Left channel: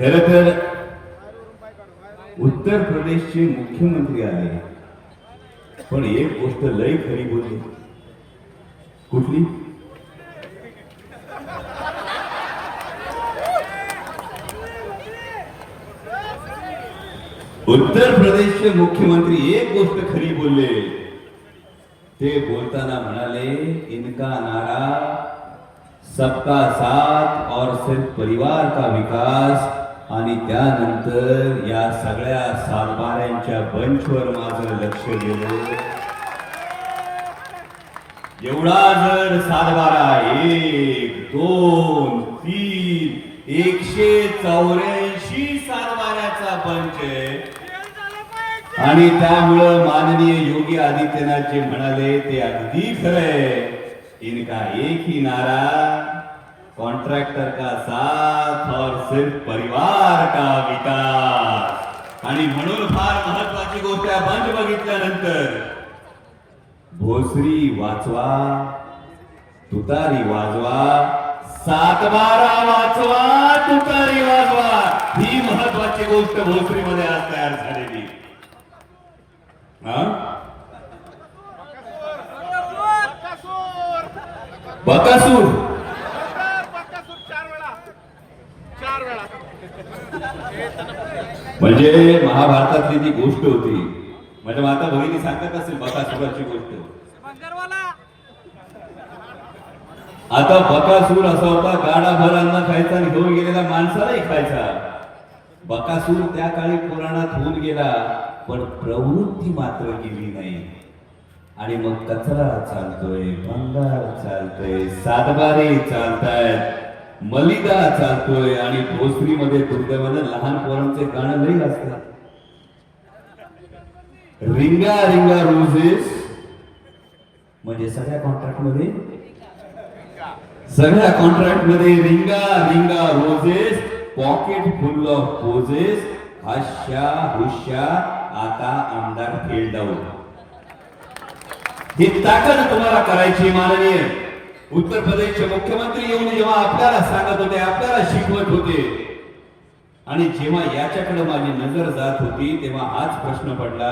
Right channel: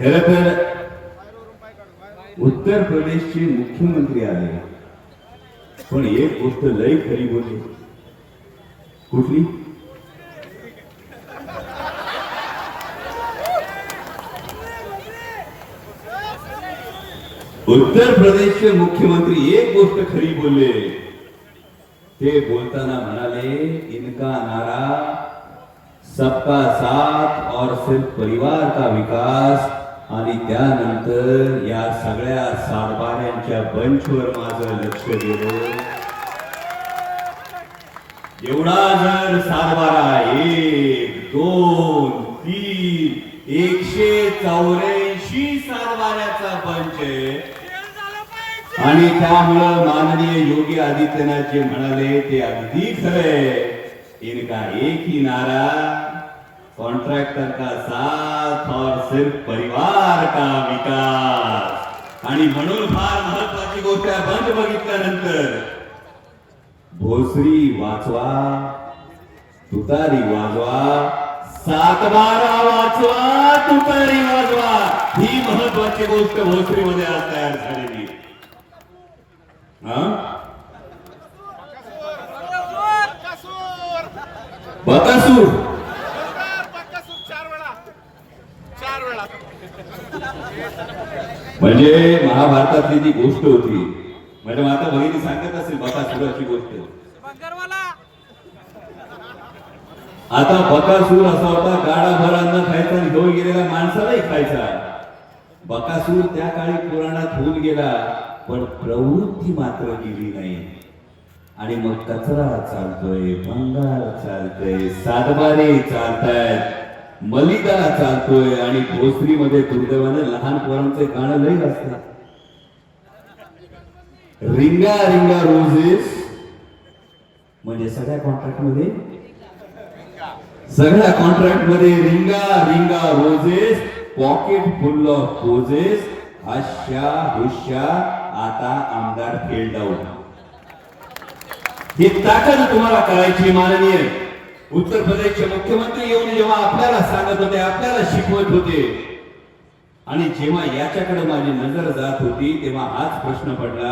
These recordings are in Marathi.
खर तर उत्तर प्रदेशचे मुख्यमंत्री पण एक गोष्ट लय खरी बोलली कुठली? उत्तर प्रदेशचे मुख्यमंत्री एक गोष्ट खरी बोलले ते बोलताना म्हणाले, इनका नारा सबका साथ और सिर्फ़ परिवार का विकास आणि त्यानंतर या सगळ्या सारबाऱ्यांच्या बंचवर माझं लक्ष गेलं. एवढा जर सातबारा एक दोन तीन एकशे चौऱ्याऐंशी सातबाऱ्याचा पंच आहे. आणि त्यामुळं माननीय योगी आदित्यनाथ जे म्हणाले ते अगदी खरंय इनका एकही नारा कॉन्ट्रॅक्टर का साथ और सिर्फ परिवार का विकास. आणि म्हणून फार महत्वाची गोष्ट आहे बंद बघितल्यानंतर. भोसरी वाचवा तुतारी वाजवा सातबारा वाचवा तुतारी वाजवा. ही महत्वाची गोष्ट भोसरीमध्ये आज तयार झालेली. हा? बकासूर. म्हणजे महाभारतातली जी गोष्ट होती म्हणजे माता भगिनी सांगत असेल बकासुराची गोष्ट. आता बकासूर असा होता गाडाभर अन्न खायचा आणि घेऊन गेलेल्या माणसालाही खायचा. बकासूर त्या काळी पुराणात होऊन गेला पण प्रवृत्ती मात्र गेली नाही. आणि मग कचरा चालतोय भंगार चालतोय सातबारे चालतायत. मलिदा चालतोय आणि भोसरीमध्ये दुर्दैवाने लहान पोरांचे गाणं लई असतात रिंगा रिंगा रोजेस. म्हणजे सगळ्या कॉन्ट्रॅक्टमध्ये सगळ्या कॉन्ट्रॅक्टमध्ये ring a ring a roses pocket full of roses हाश्या हुश्या आता आमदार फेल्ड आउट ही ताकद तुम्हाला करायची माननीय. उत्तर प्रदेशचे मुख्यमंत्री येऊन जेव्हा आपल्याला सांगत होते आपल्याला शिकवत होते. आणि जेव्हा याच्याकडे माझी नजर जात होती तेव्हा हाच प्रश्न पडला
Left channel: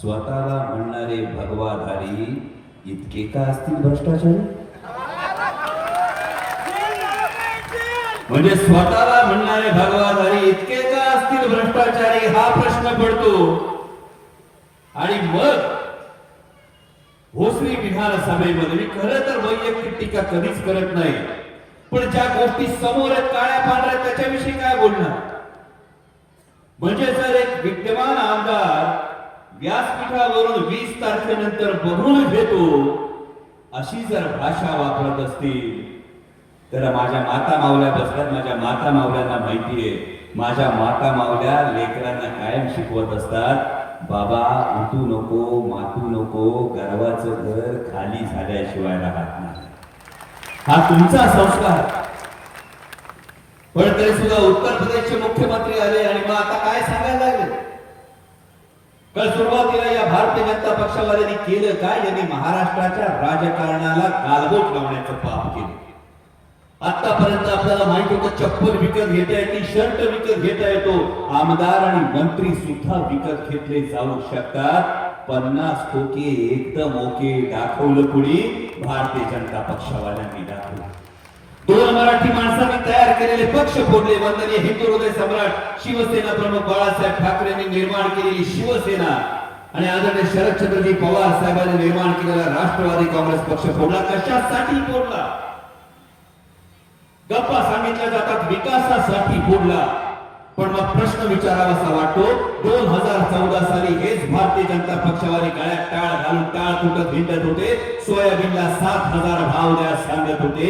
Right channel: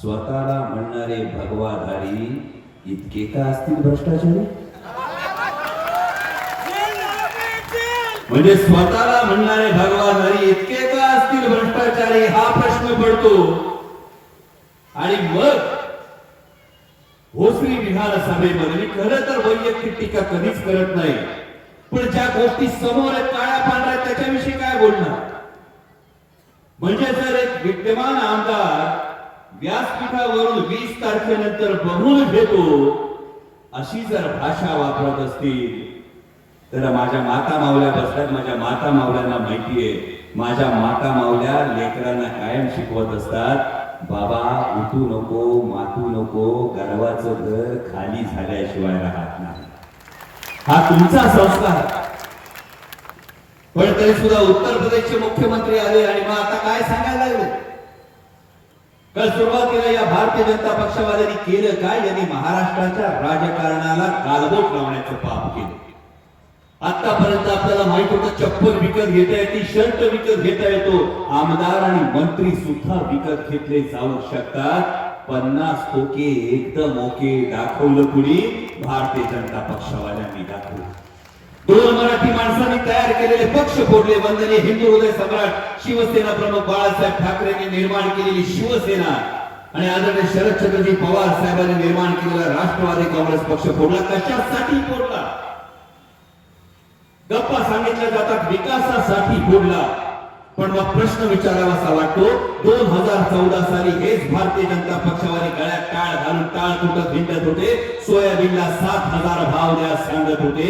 स्वतःला म्हणणारे भगवाधारी इतके का असतील भ्रष्टाचारी? म्हणजे स्वतःला म्हणणारे भगवाधारी इतके का असतील भ्रष्टाचारी? हा प्रश्न पडतो. आणि मग भोसरी विधानसभेमध्ये मी खरं तर वैयक्तिक टीका कधीच करत नाही. पण ज्या गोष्टी समोर आहेत काळ्या पांढऱ्या त्याच्याविषयी काय बोलणार? म्हणजे जर एक विद्यमान आमदार व्यासपीठावरून वीस तारखेनंतर बघून घेतो अशी जर भाषा वापरत असतील तर माझ्या माता मावल्या बसल्यात माझ्या माता मावल्यांना माहिती आहे माझ्या माता मावल्या लेकरांना कायम शिकवत असतात बाबा उठू नको मातू नको गर्वाचं घर खाली झाल्याशिवाय राहत नाही. हा तुमचा संस्कार. पण तरी सुद्धा उत्तर प्रदेशचे मुख्यमंत्री आले आणि मग आता काय सांगायला लागले? तर सुरुवातीला या भारतीय जनता पक्षावाल्यांनी केलं काय? यांनी महाराष्ट्राच्या राजकारणाला गालबोट लावण्याचं पाप केलं. आतापर्यंत आपल्याला माहीत होतं चप्पल विकत घेता येते शर्ट विकत घेता येतो. आमदार आणि मंत्री सुद्धा विकत घेतले जाऊ शकतात. पन्नास टोके एकदम ओके दाखवलं कुणी? भारतीय जनता पक्षवाल्यांनी दाखवलं. दोन मराठी माणसांनी तयार केलेले पक्ष फोडले. वंदनीय हिंदू हृदय सम्राट शिवसेना प्रमुख बाळासाहेब ठाकरेंनी निर्माण केलेली शिवसेना आणि आदरणीय शरदचंद्रजी पवार साहेबांनी निर्माण केलेला राष्ट्रवादी काँग्रेस पक्ष फोडला. कशासाठी फोडला? गप्पा सांगितल्या जातात विकासासाठी बोलला पण मग प्रश्न विचारावासा वाटतो दोन हजार चौदा साली हेच भारतीय जनता पक्षावाले गळ्यात टाळ घालून टाळ फुटत भिंडत होते. सोयाबीनला सात हजार भाव द्या सांगत होते.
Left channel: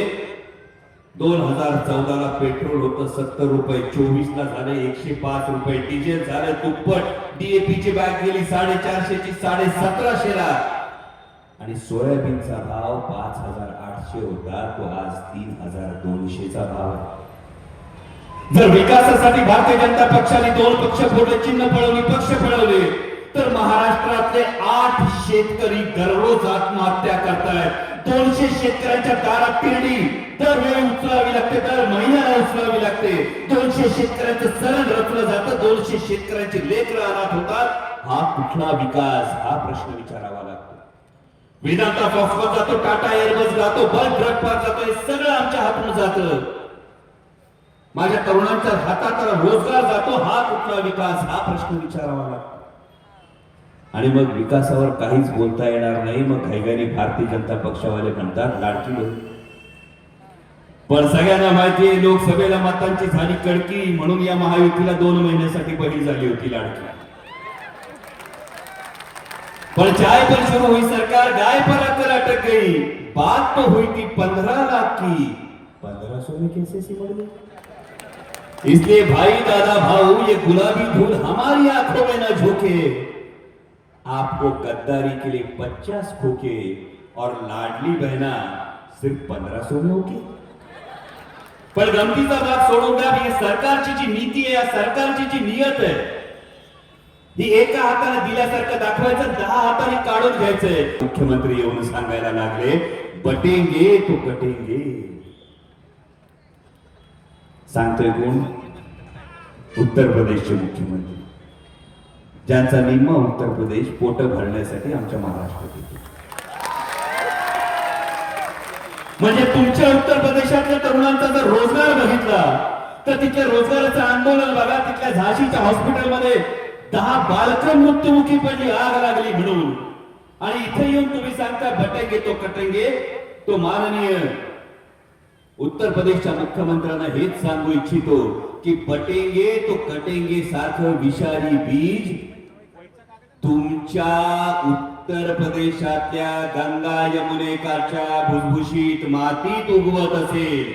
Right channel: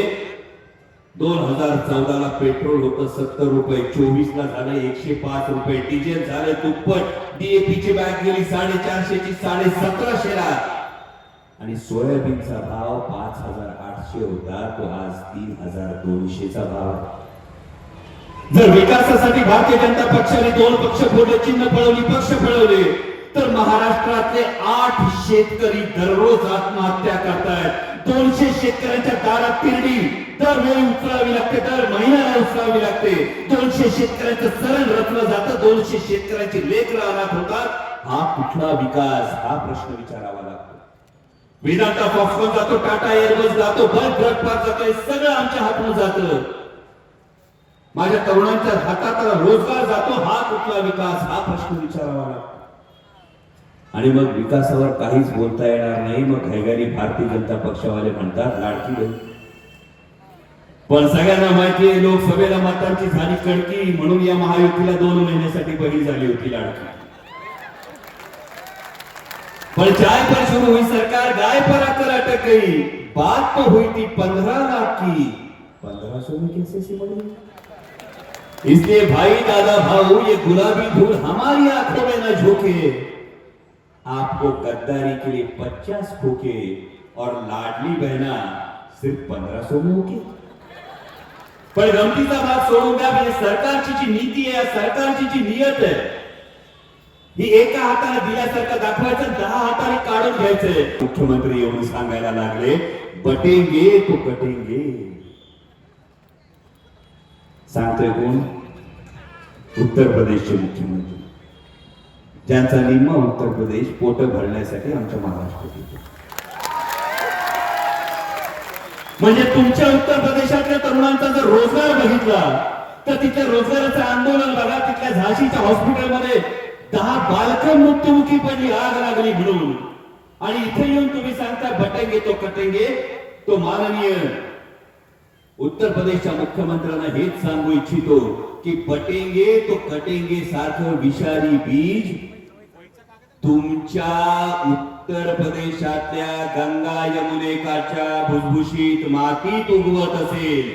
दोन हजार चौदा ला पेट्रोल होतं सत्तर रुपये चोवीस ला झाले एकशे पाच रुपये डिझेल झाले दुप्पट. डीएपी ची बॅग गेली साडेचारशे ची साडे सतराशे ला आणि सोयाबीनचा भाव पाच हजार आठशे होता तो आज तीन हजार दोनशेचा भाव आहे. जर विकासासाठी भारतीय जनता पक्षाने दोन पक्ष फोडले चिन्ह पळवली पक्ष पळवले तर महाराष्ट्रातले आठ शेतकरी दररोज आत्महत्या करतायत. दोनशे शेतकऱ्यांच्या दारात पेरणी दरवेळी उचलावी लागते दर महिन्याला उचलावी लागते. दोनशे शेतकऱ्यांचं सरण रचलं जातं दोनशे शेतकऱ्यांचे लेख राहणार होतात. हा कुठला विकास? हा प्रश्न विचारावा लागतो. वेदांता फॉक्सकॉन जातो टाटा एअरबस जातो बल्क ड्रग पार्क जातो हे सगळं आमच्या हातून जात माझ्या तरुणांच्या हातात रोजगार जातो हा कुठला विकास? हा प्रश्न विचारावा लागतो. आणि मग विकासावर काहीच बोलता येणार नाही. मग घाईघाई भारतीय जनता पक्षावाले म्हणतात लाडकी पण सगळ्यांना माहिती आहे लोकसभेला मतांची झाली कडकी म्हणून या महायुतीला दोन महिन्यासाठी बळी झाली होती लाडकी. चाय पर शुरू हुई सरकार, गाय पर आकर अटक गई। बात तो हुई थी पंद्रह लाख की। पंद्रह सौ में कैसे गई? इसलिए भाई, दादा, भाऊ, ये गुलाबी धूल हमारी आँखों में ना झोंके। आपको गद्दारी के लिए पचास खोके और लाडली बहना सिर्फ़ पंद्रह सौ में होके पण गमतीचा भाग सोडून द्या ही सरकारची जी नीति है या सरकारची जी नियत आहे ही एका हाताने दिल्यासारखं दाखवायचं दहा हाताने काढून घ्यायचंय. मुख्यमंत्री येऊन सांगायला लागले बटेंगे तो कटेंगे सांगतोय कोण? उत्तर प्रदेशचे मुख्यमंत्री. ज्यांचा निम्मा उत्तर प्रदेश पोट भरण्यासाठी आमच्या महाराष्ट्रात येतो म्हणजे तुमच्या उत्तर प्रदेशातल्या तरुणांचा जर रोजगार बघितला तर तिथल्या रोजगाराचं आंदोलन बघा तिथल्या झाशीच्या हॉस्पिटलमध्ये दहा बालकं मृत्युमुखी पडली आग लागली म्हणून. आणि इथे येऊन तुम्ही सांगता बटंगे तो कटेंगे तो माननीय. उत्तर प्रदेशच्या मुख्यमंत्र्यांना हेच सांगू इच्छितो की पटेंगे तो कटेंगे सारखं विषारी बीज तुमच्या उत्तर प्रदेशातल्या गंगा यमुनेकाच्या भुसभुशीत मातीत उगवत असेल.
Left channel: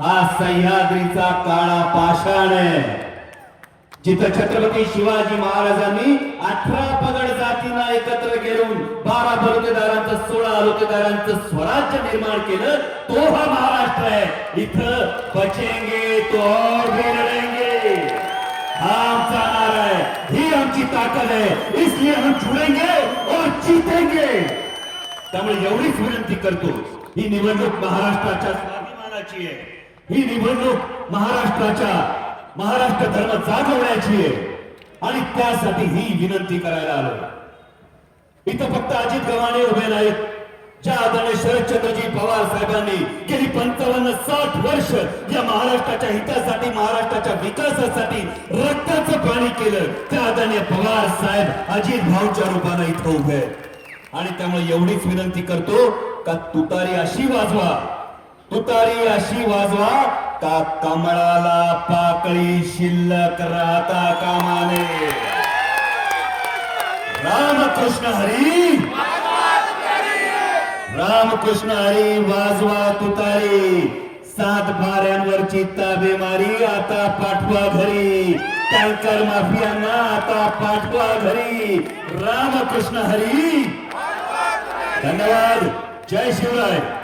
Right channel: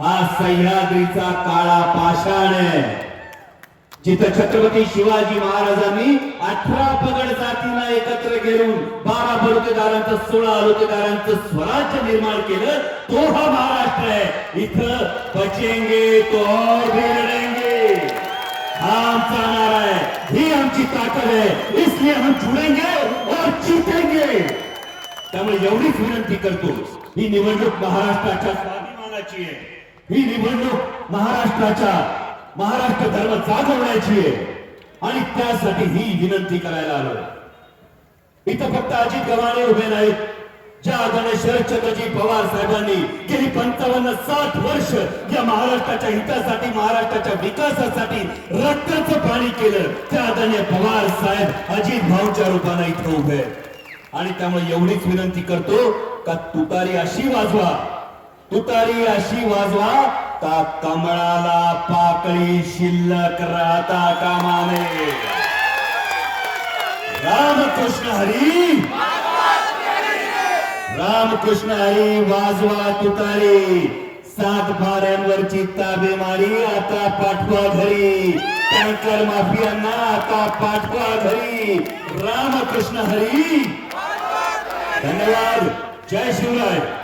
हा सह्याद्रीचा काळा पाषाण आहे. जिथं छत्रपती शिवाजी महाराजांनी अठरा पगड जातींना एकत्र घेऊन बारा बलुतेदारांचं सोळा अलुतेदारांचं स्वराज्य निर्माण केलं तो हा महाराष्ट्र आहे. इथं बचेंगे तो और हा आमचा नारा आहे. ही आमची ताकद आहे. इसलिए हम छुडेंगे और जीतेंगे. त्यामुळे एवढीच विनंती करतो ही निवडणूक महाराष्ट्राच्या स्वाभिमानाची आहे. ही निवडणूक महाराष्ट्राच्या महाराष्ट्र धर्म जागवण्याची आहे. आणि त्यासाठी ही विनंती करायला आलो. इथं फक्त अजित गव्हाणे उभे नाहीत. ज्या आदरणीय शरदचंद्रजी पवार साहेबांनी गेली पंचावन्न साठ वर्ष या महाराष्ट्राच्या हितासाठी महाराष्ट्राच्या विकासासाठी रक्ताचं पाणी केलं. त्या आदरणीय पवार साहेब अजित भाऊच्या रूपानं इथं उभे आणि त्यामुळे एवढीच विनंती करतो का तुतारी अशी वाजवा. तुतारी अशी वाजवा का कमळाला पाकळी शिल्लक राहता कामाने. रामकृष्ण हरी. रामकृष्ण हरी वाजवा तुतारी. सात भाऱ्यांवरची ताबेमारी आता पाठवा घरी. टँकर माफियांना आता पाठवा घरी. रामकृष्ण हरी. धन्यवाद. जय शिवराय.